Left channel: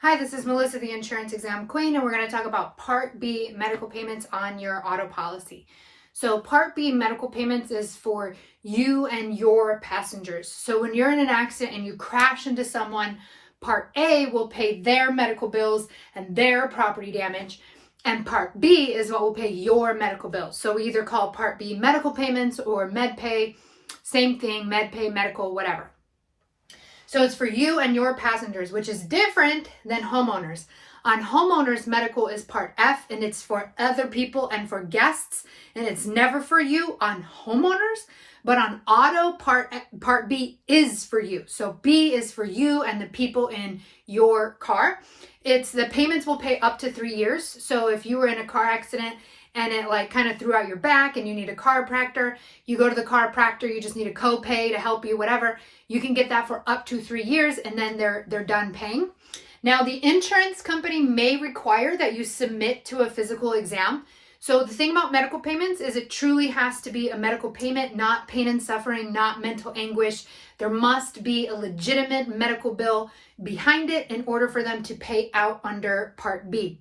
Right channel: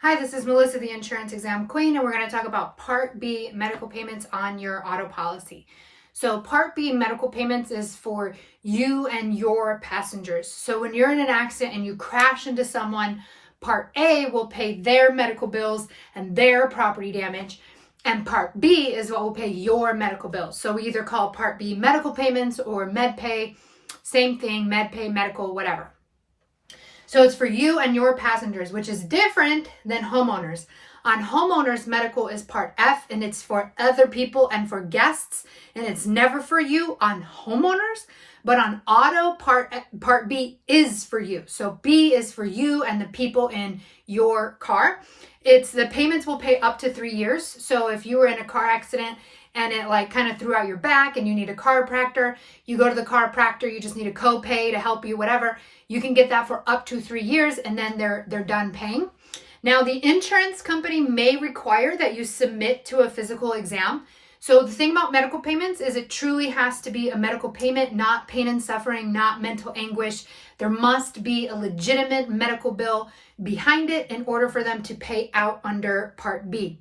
Hi, this is Melissa, the Insurance Exam Queen, and we're going to talk about Part B medical payments on your auto policy. So Part B medical payments is for you and your passengers. So when you're in an accident and you crash into someone, Part A will pay their medical bills and their property damage, and Part B is what will pay your medical bills. So we either call Part B medical payments or med pay, same thing, med pay, medical, whatever. So it's for you and your passengers, which is different than homeowners. On homeowners, medical is Part F, and it's for other people and for guests, and it's never for you on homeowners. But on auto, Part B is for you. So B is for you and the people in your car. The payments will pay up to 3 years. So if you were in a car accident and it kind of threw out your back and you need a chiropractor, you go to the chiropractor, you just need a copay to help you, whatever. You can get that for up to 3 years, and then they're done paying. Now, the insurance company may require that you submit to a physical exam. So the thing about medical payments is it truly has to be a medical payment, not pain and suffering, not mental anguish. There must be a legitimate medical bill behind it in order for them to pay out under Part B.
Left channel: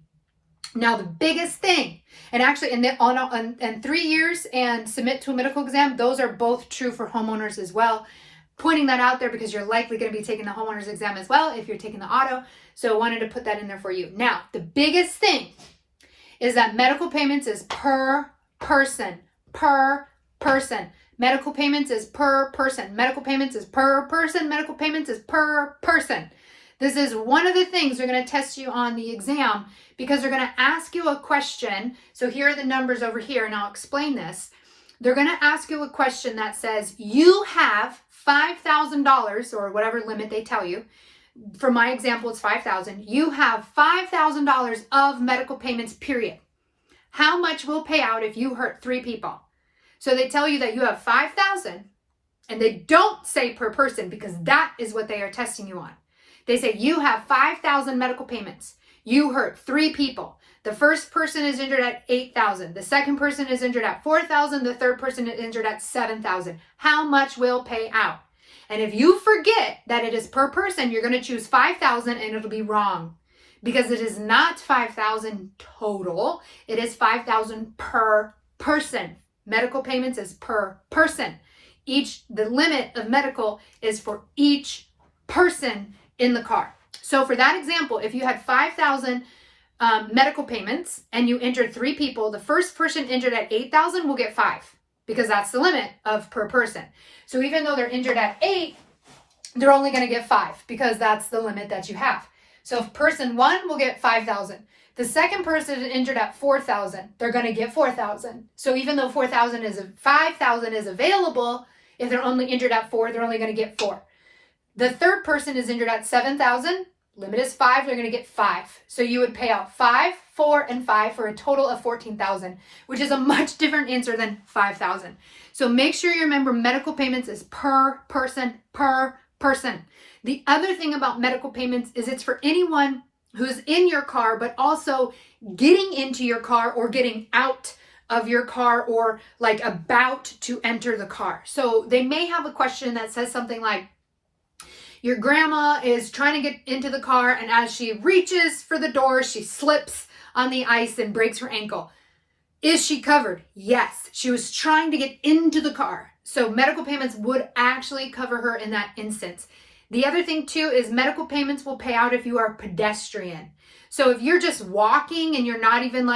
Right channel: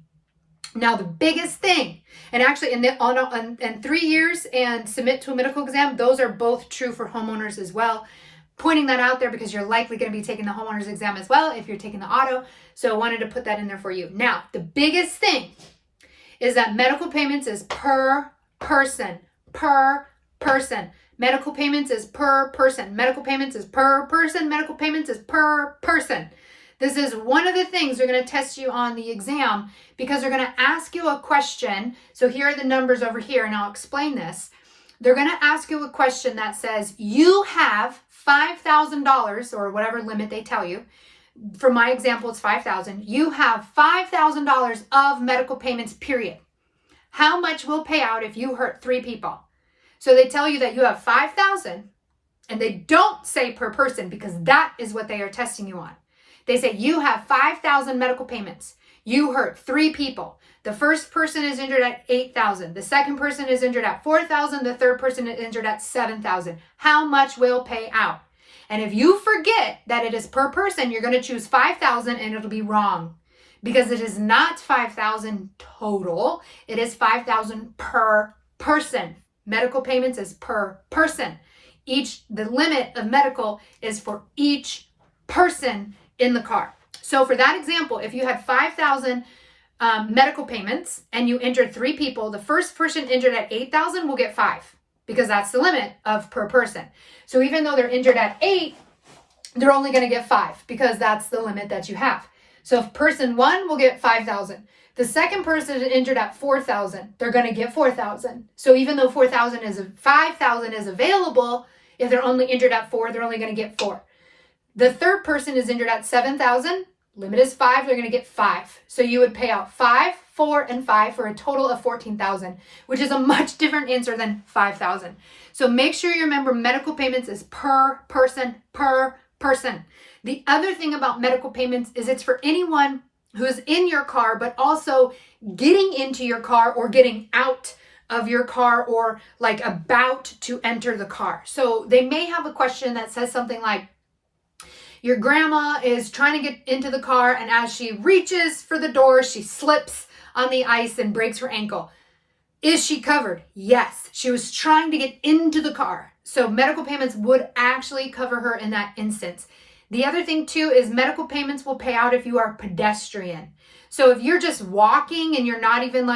Now, the biggest thing, and actually in 3 years and submit to a medical exam, those are both true for homeowners as well. Pointing that out there because you're likely going to be taking the homeowners exam as well if you're taking the auto. So I wanted to put that in there for you. Now, the biggest thing is that medical payments is per person. Medical payments is per person. Medical payments is per person. Medical payments is per person. This is one of the things they're going to test you on the exam because they're going to ask you a question. So here are the numbers over here, and I'll explain this. They're going to ask you a question that says, you have $5,000 or whatever limit they tell you. For my example, it's $5,000. You have $5,000 of medical payments, period. How much will pay out if you hurt 3 people? So they tell you that you have $5,000, and they don't say per person because that is what they are testing you on. They say you have 5,000 medical payments. You hurt 3 people. The first person is injured at 8,000. The second person is injured at 4,000. The third person is injured at 7,000. How much will pay out? And if you forget that it is per person, you're going to choose 5,000 and it'll be wrong because it is not 5,000 total. It is 5,000 per person. Medical payments is per person. The limit of medical is for each person in the car. So for that example, if you had 5,000 medical payments and you injured 3 people, the first person injured at 8,000 will get 5 because that's the limit of per person. So even though they're injured at 8, they're only going to get 5 because that's the limit that you have. So if person 1 will get 5,000. The second person is injured at 4,000. They're going to get 4,000. So even though 5,000 is available, if they're only injured at 4, they're only going to get 4. The third person is injured at 7,000. Limit is 5. They're going to get 5. So you would pay out 5, 4, and 5 for a total of 14,000, which is a much different answer than 5,000. So make sure you remember medical payments is per person, per person. The other thing about medical payments is it's for anyone who's in your car, but also getting into your car or getting out of your car or about to enter the car. So they may have a question that says something like, your grandma is trying to get into the car, and as she reaches for the door, she slips on the ice and breaks her ankle. Is she covered? Yes. She was trying to get into the car. So medical payments would actually cover her in that instance. The other thing too is medical payments will pay out if you are pedestrian. So if you're just walking and you're not even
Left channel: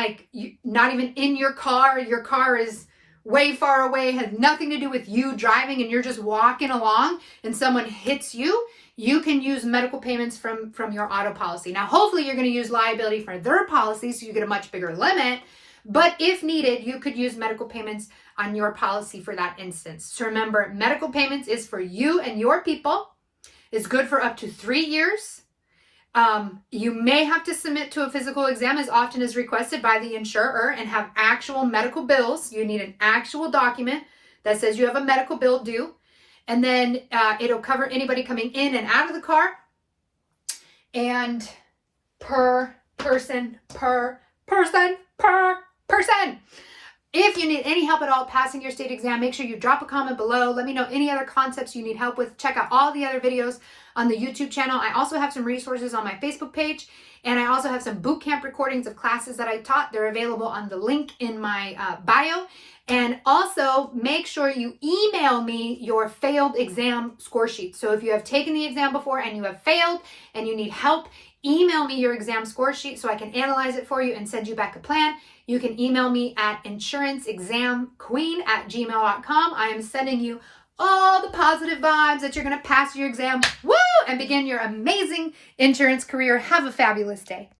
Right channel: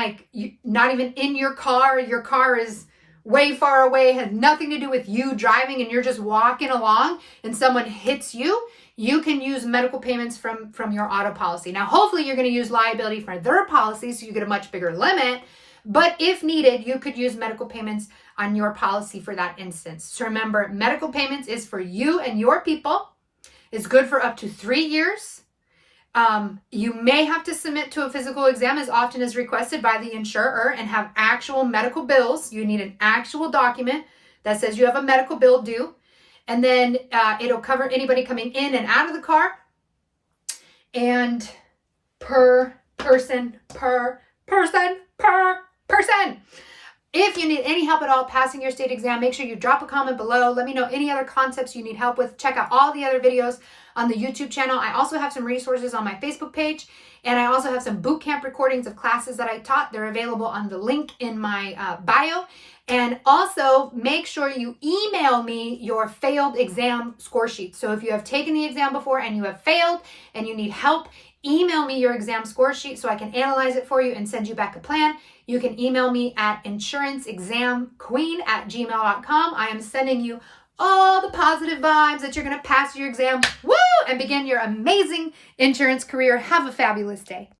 in your car is way far away, has nothing to do with you driving, and you're just walking along and someone hits you, you can use medical payments from your auto policy. Now, hopefully you're going to use liability for their policy so you get a much bigger limit. But if needed, you could use medical payments on your policy for that instance. So remember, medical payments is for you and your people. It's good for up to 3 years. You may have to submit to a physical exam as often as requested by the insurer and have actual medical bills. You need an actual document that says you have a medical bill due. And then it'll cover anybody coming in and out of the car. And per person. If you need any help at all passing your state exam, make sure you drop a comment below. Let me know any other concepts you need help with. Check out all the other videos on the YouTube channel. I also have some resources on my Facebook page, and I also have some boot camp recordings of classes that I taught. They're available on the link in my bio. And also make sure you email me your failed exam score sheet. So if you have taken the exam before and you have failed and you need help, email me your exam score sheet so I can analyze it for you and send you back a plan. You can email me at insuranceexamqueen@gmail.com. I am sending you all the positive vibes that you're going to pass your exam, woo, and begin your amazing insurance career. Have a fabulous day.